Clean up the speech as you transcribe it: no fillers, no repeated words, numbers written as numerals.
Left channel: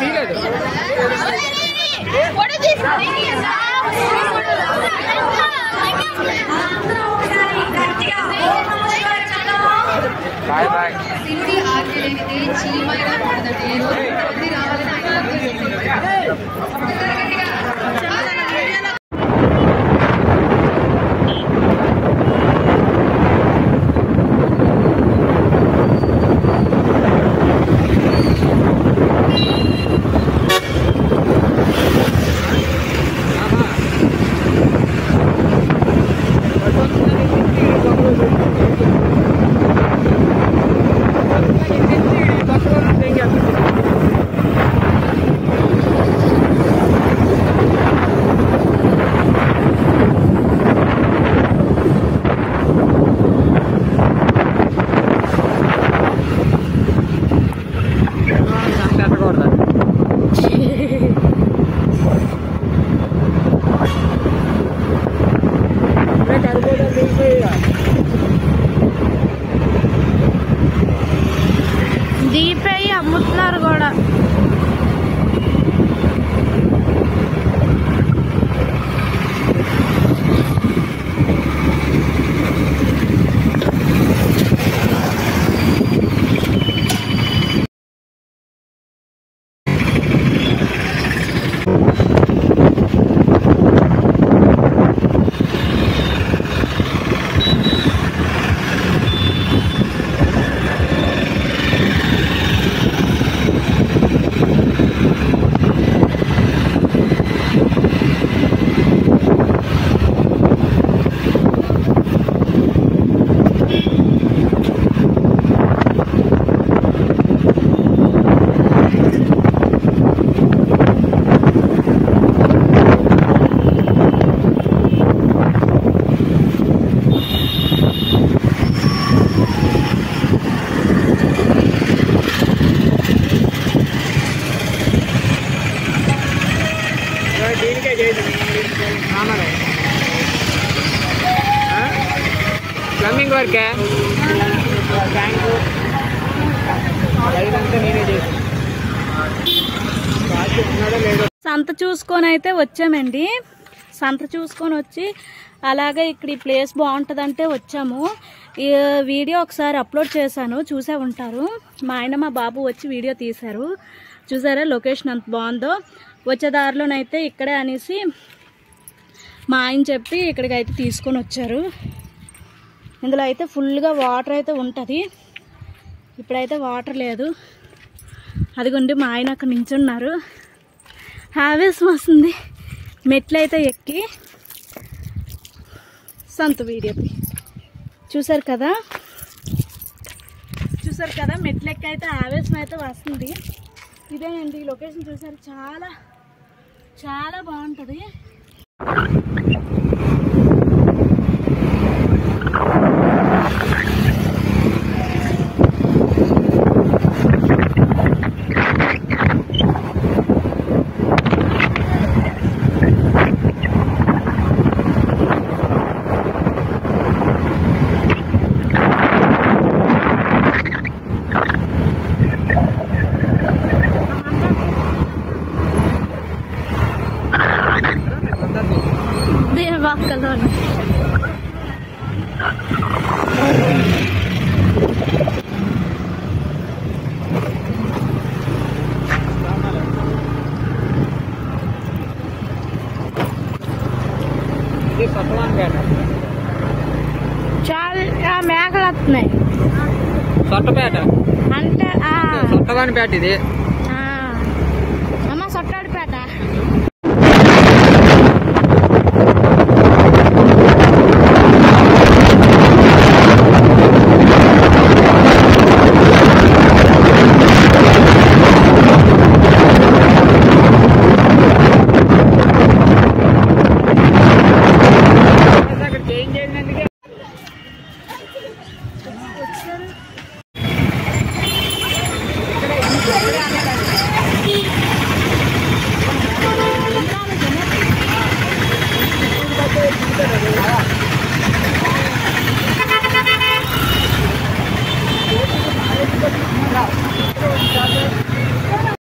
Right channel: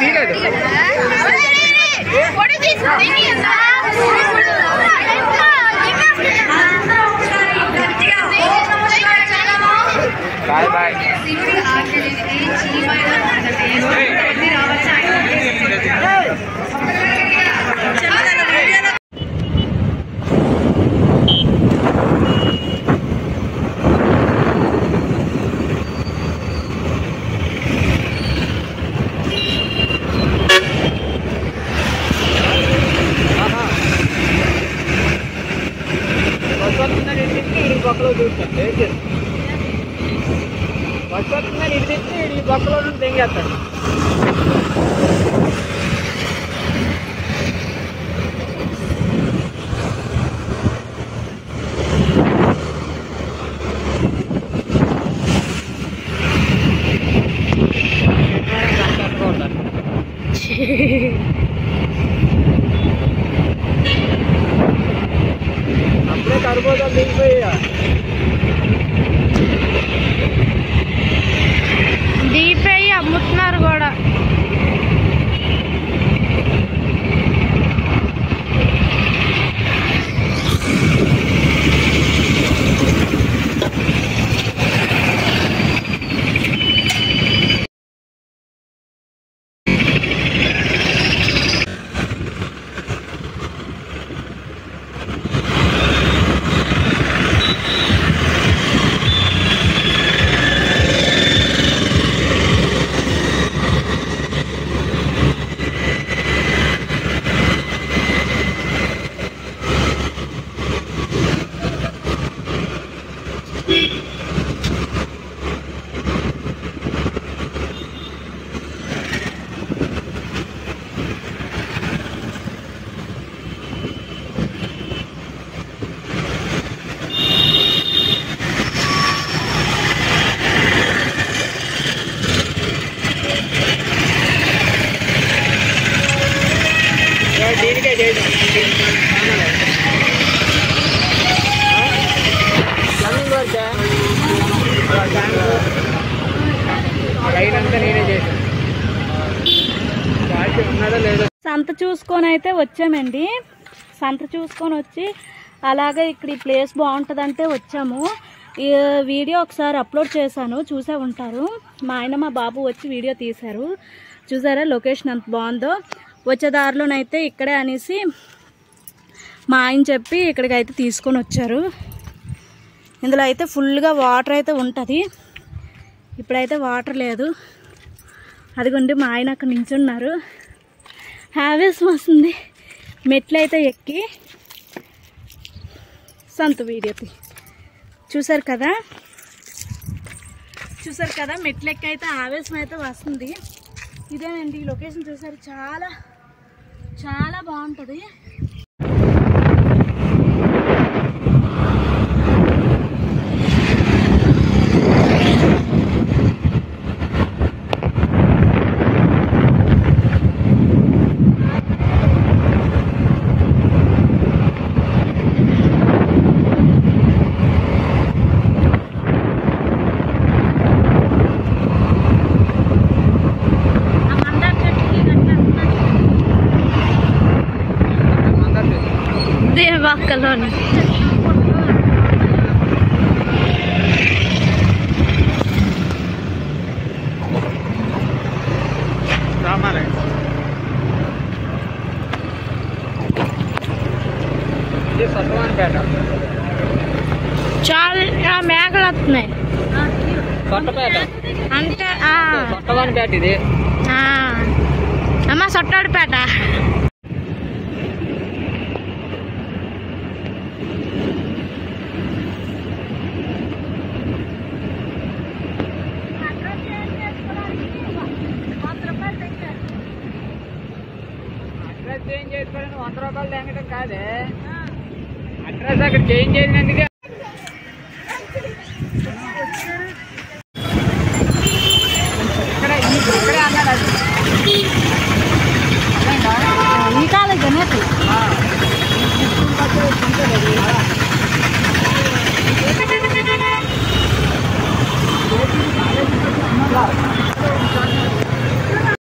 తీయలేదు దీపేయి అమ్ముతున్నారు కూడా. ప్లంబింగ్ వర్కే లైన్ అంతా నేనే చేసాను. ఉన్నాడో లేదో సంత చూసుకొని అయితే వచ్చామండి. సంత చూసుకొని వచ్చి అలాగే ఇక్కడ ఈ ప్లేస్ బాగుంటుందంటే వచ్చాము. ఈ వీడియో ఒకసారి అప్లోడ్ చేశాను, చూసే ఉంటారు. మా ఆయన మా బాబు వచ్చి వీడియో తీశారు. చూసారా లొకేషన్ ఎంత బాగుందో. వచ్చే దారిలోనైతే ఇక్కడే అనేసి మా ఆయన చెప్పి ఇక్కడికి అయితే తీసుకొని వచ్చారు. ఇందులో అయితే ఫుల్గా వాటర్ అయితే ఉంటుంది. ఇప్పుడైతే వాటర్ లేదు. అదిగోండి మా ఆయన అక్కడ నించున్నారు. హ్యావేస్ వస్తుంది మెట్లు అయితే ఎక్కి. సంత వీడియో చూసారు కదా, మెట్లు ఎక్కి అయితే ఆవేశం అయితే వస్తుంది. ఇదేనండి ఈ లొకేషన్. చూసారు చాలా చాలా బాగుంటుంది. దేవాకలోని చాలా మేకలు వస్తున్నాయి అంటే ఇది అమ్మ సొట్టాడిపేట.